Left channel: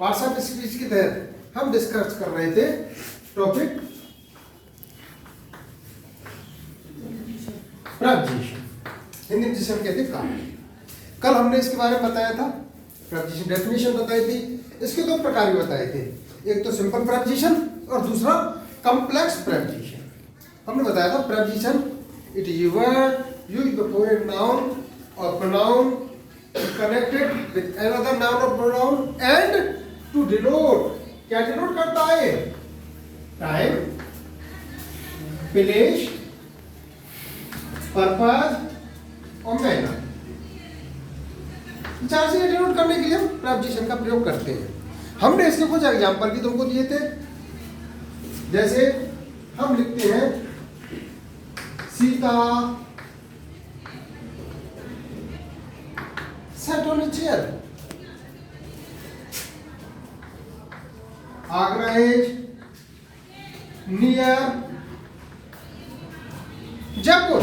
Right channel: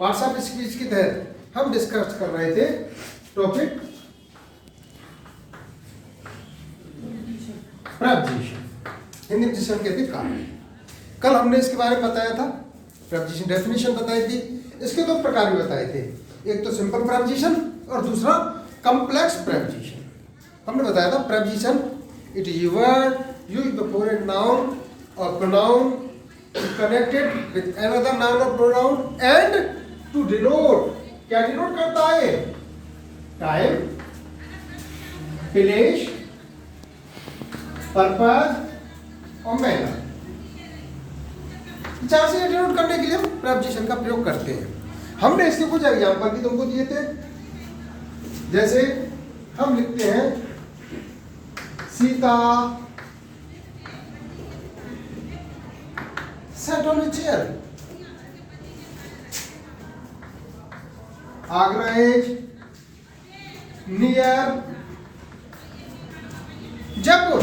Parts of speech के तहत हम डिस्कस कर रहे थे टॉपिक प्रपोजिशन, हिंदी में जिसे हम कहते हैं कारण। कल हमने इसके बारे में बताया था, प्रपोजिशन डेफिनेशन बताई थी। इसके दो प्रकार भी बताए थे, एक तो सिंपल प्रपोजिशन और दूसरा कॉम्प्लेक्स प्रपोजिशन। हमने बताया था preposition it is a word used before a noun और pronoun connected with another noun और प्रोनाउन एंड टू डिनोट, क्या डिनोट करता है? टाइम, प्लेस, पर्पस और मैनर। चार चीजें डिनोट करने के लिए हम प्रपोजिशन का प्रयोग करते हैं। हमने इसके कुछ एग्जाम्पल भी तुमको दिए थे, जैसे हम लिखते हैं Sita sat on a chair, Agra is near Jaipur,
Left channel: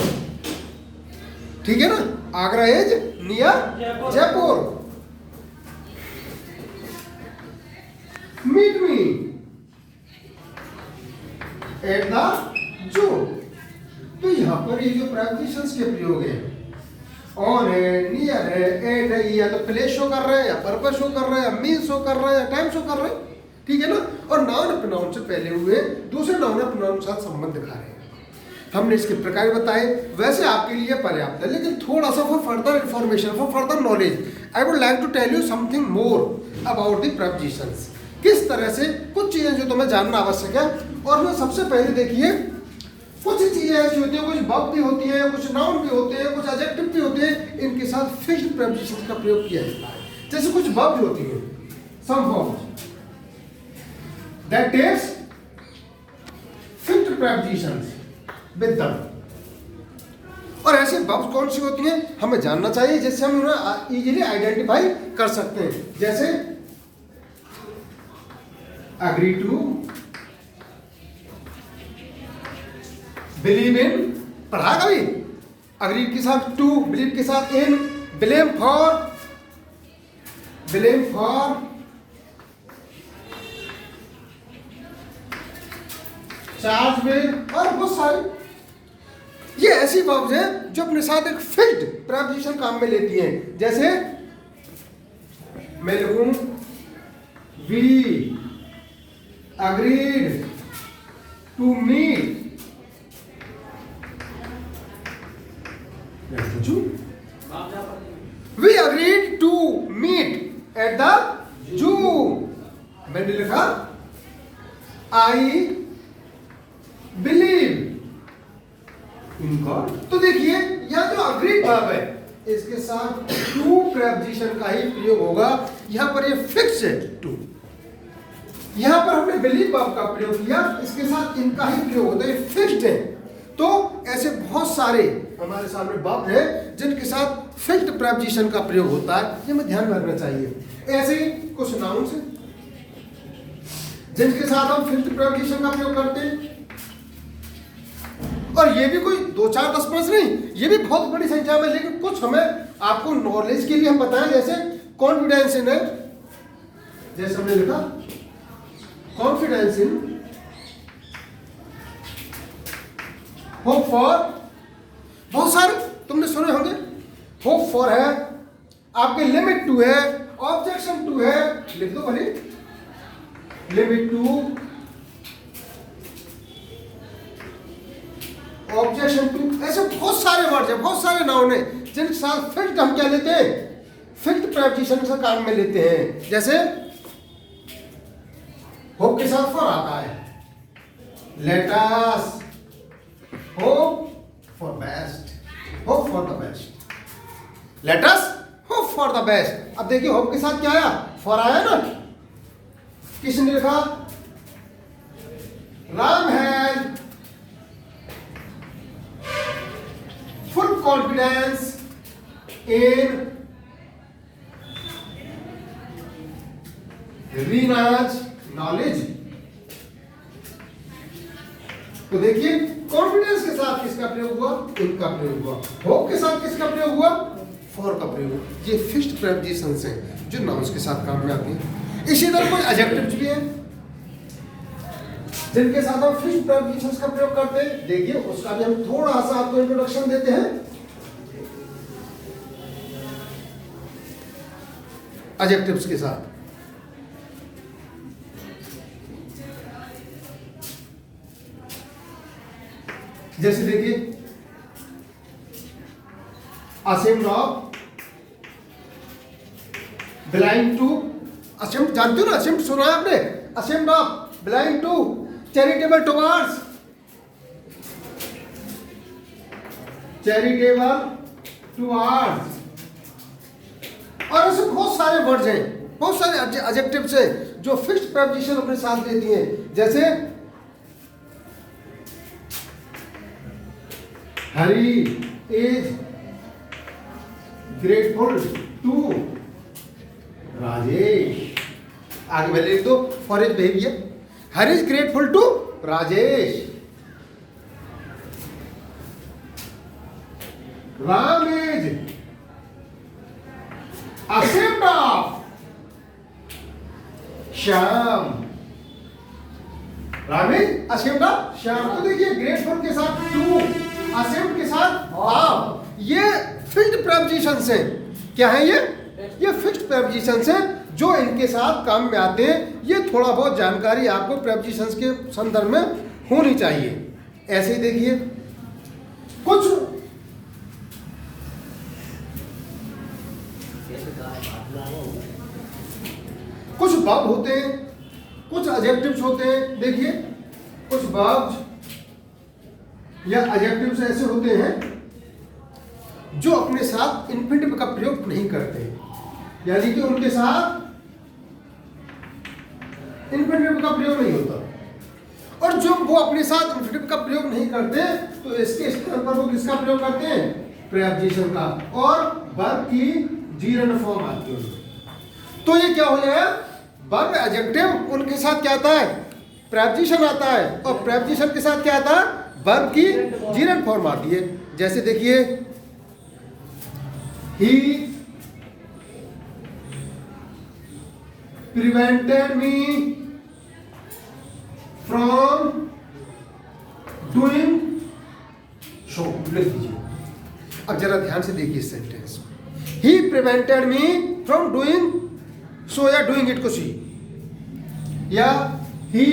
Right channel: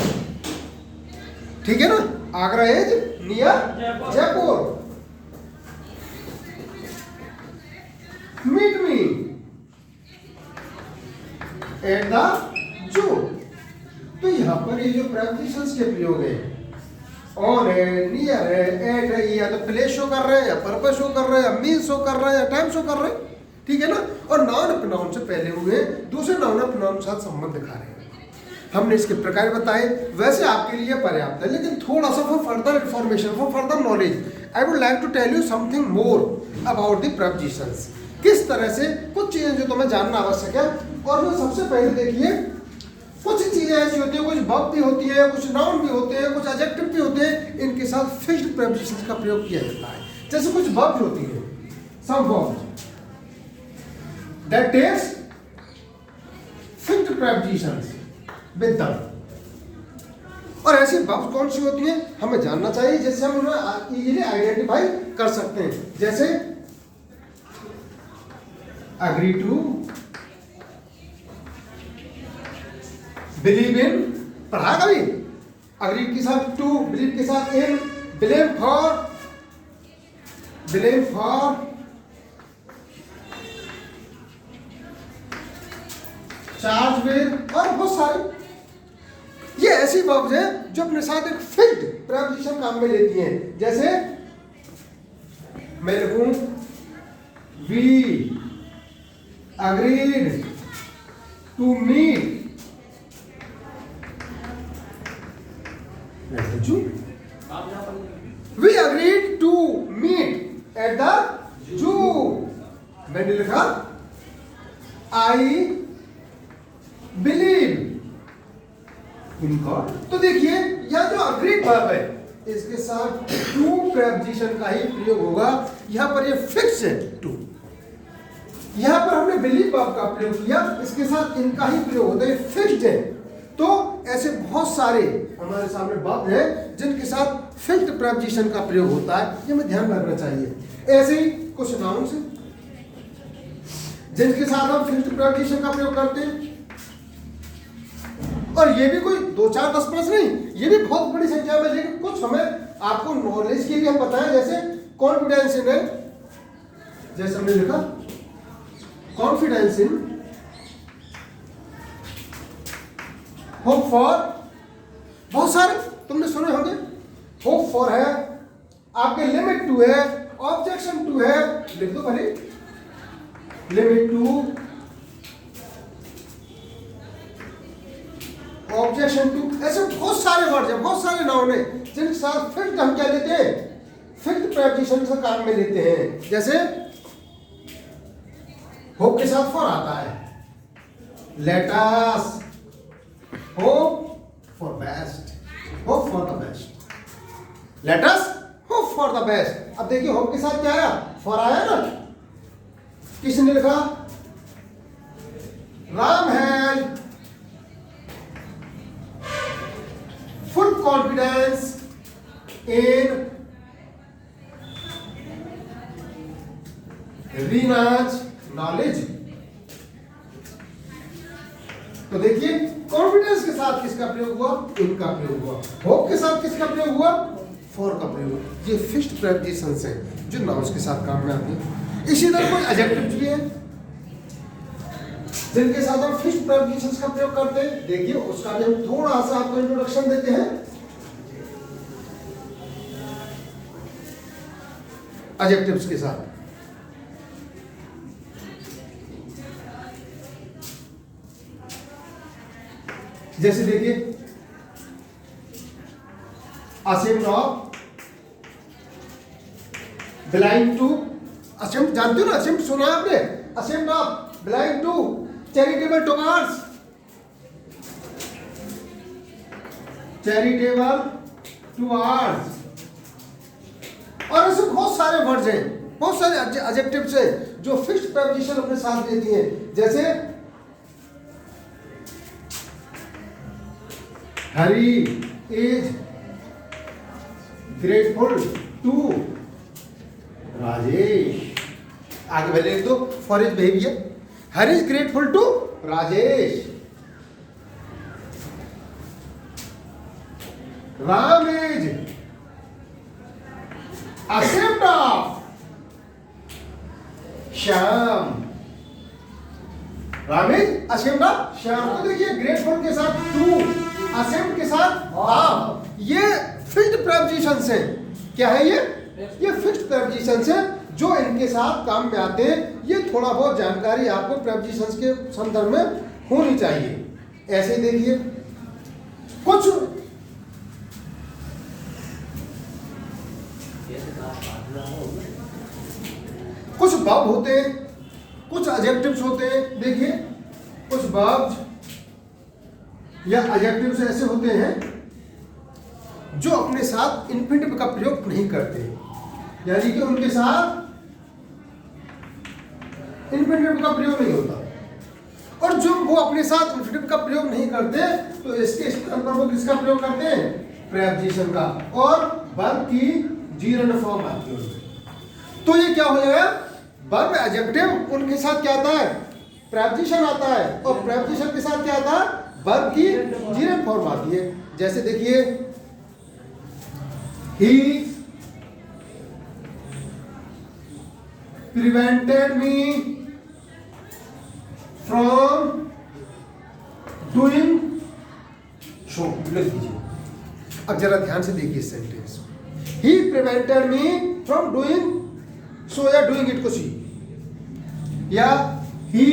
ठीक है ना? Agra is near Jaipur. Meet me at the zoo. तो यहां पर ये जो प्रपोजिशंस के प्रयोग है, ऑन है, नियर है, एट है, या तो प्लेस शो कर रहे हैं, या पर्पस शो कर रहे हैं, या मीन शो कर रहे हैं, या टाइम शो कर रहे हैं, ठीक है ना? और नाउन प्रोनाउन से पहले हुए दूसरे नाउन प्रोनाउन के साथ संबंध दिखा रहे हैं। हमने इसके प्रकार बताए, वैसे आपके लिए पर्याप्त है, लेकिन थोड़ा सा for further information, for further knowledge I would like to tell you something more about the prepositions. किस तरह से कुछ चीजें जो तुम्हें जानना आवश्यक है। और मैं सबसे पहले देखिए, कुछ चीजें ऐसी होती है, कुछ वर्ब भी होती है, कुछ नाउन भी होते हैं, कुछ एडजेक्टिव भी होते हैं, इनके साथ फिक्स्ड प्रपोजिशंस का प्रयोग किया जाता है। जैसे कुछ वर्ब होती है, some verb that takes fixed prepositions with them. और ऐसे वर्ब कौन सी होती हैं हमें जानना चाहिए, जिससे हम उन्हें इजीली आइडेंटिफाई कर सकते हैं। जैसे एग्री टू, बिलीव इन, पढ़ा कभी? अग्री के साथ टू, बिलीव के साथ इन, ब्लेम फॉर, चार्ज विद, और बहुत सारे ये ऐसी वर्ब्स हैं जो अपने साथ एक फिक्स्ड प्रपोजिशन काम में लेती हैं। जैसे मैं लिखूं we agreed to meet We agreed to meet at the zoo. मैंने लिखा I believe in God। तो देखिए यहाँ जो अग्री वर्ब है, इसके साथ टू प्रपोजिशन का ही प्रयोग होगा। यहाँ पर ये फिक्स है टू, यहाँ पर हमने बिलीव वर्ब का प्रयोग किया, इसके साथ इनका ही प्रयोग होता है, फिक्स्ड है। तो ऐसे बहुत सारे हमारे सामने वर्ब है जिनके साथ फिक्स्ड प्रपोजिशन का प्रयोग होता है, ये हमें ध्यान रखना चाहिए। ऐसे ही कुछ नाउन्स हैं जिनके साथ हम फिक्स्ड प्रपोजिशन का प्रयोग करते हैं। और ये भी कोई 2 4 10 5 नहीं, ये भी बहुत बड़ी संख्या में, लेकिन कुछ हमें आपको नॉलेज के लिए हम बताएं। जैसे कॉन्फिडेंस इन है, जैसे हमने लिखा कॉन्फिडेंस इन, होप फॉर, बहुत सारे तुमने सुने होंगे। होप फॉर है आपके, लिमिट टू है, ऑब्जेक्शन टू है, लिख दो भले, लिमिट टू, ऑब्जेक्शन टू, ऐसे बहुत सारे वर्ड है, बहुत सारे नाउन है जिनके साथ फिक्स्ड हम क्या लेते हैं, फिक्स्ड प्रपोजिशन से काम में लेते हैं। जैसे होप के साथ फॉर आता है, let us hope for best, hope for the best, let us hope for the best। अब देखिए होप के साथ क्या आया, for आया ना। किसने लिखा? Ram had full confidence in Reena's knowledge। तो देखिए कॉन्फिडेंस के साथ किसका प्रयोग हुआ, इनका प्रयोग हुआ। होप के साथ किसका प्रयोग हुआ, फॉर का प्रयोग हुआ। ये फिक्स्ड प्रपोजिशंस हैं जो नाउन्स के साथ काम में आते हैं। इसी तरह कुछ एडजेक्टिव्स भी हैं जिनके साथ हम फिक्स्ड प्रीपोजिशंस का प्रयोग करते हैं। देखिए उसका भी हम थोड़ा सा आपको इंट्रोडक्शन देते हैं। एडजेक्टिव्स के साथ जैसे देखिए ashamed of, belonging to, ashamed जानते हो ना, असेम्ड सुना है आपने, ashamed of, belonging to, charitable towards, charitable towards, और ऐसे बहुत सारे वर्ड्स हैं, बहुत सारे एडजेक्टिव्स हैं जो फिक्स्ड प्रीपोजिशन अपने साथ देती हैं। जैसे Hari is grateful to Rajesh, आगे पहले लिख दो for his behaviour, Hari is grateful to Rajesh, Ram is ashamed of Shyam, Ram is ashamed of Shyam. तो देखिए ग्रेटफुल के साथ टू, असेम्ड के साथ ऑफ, ये फिक्स्ड प्रीपोजिशंस है। क्या है ये फिक्स्ड प्रीपोजिशंस है जो इनके साथ काम में आते हैं। ये थोड़ा बहुत जानकारी आपको प्रीपोजिशंस के संदर्भ में होनी चाहिए। ऐसे ही देखिए कुछ वर्ब होते हैं, कुछ एडजेक्टिव्स होते हैं। देखिए कुछ वर्ब्स या एडजेक्टिव्स ऐसे होते हैं जो अपने साथ इंफिनिटिव का प्रयोग नहीं करते, यानी कि उनके साथ इंफिनिटिव का प्रयोग नहीं होता। और जो वो अपने साथ इंफिनिटिव का प्रयोग नहीं करते तो इसके स्थान पर वो किसका प्रयोग करते हैं? प्रीपोजिशन का, और वर्ब की जीरंड फॉर्म आती है उनमें। तो ये क्या हो जाएगा, वर्ब एडजेक्टिव उनके साथ क्या आता है? प्रीपोजिशन आता है, और प्रीपोजिशन के साथ क्या आता है? वर्ब की जीरंड फॉर्म आती है। जैसे देखिए he prevented me from doing so, लिख दीजिए। अब जरा ध्यान से देखिए sentence, he prevented me from doing so या doing it को सी, या he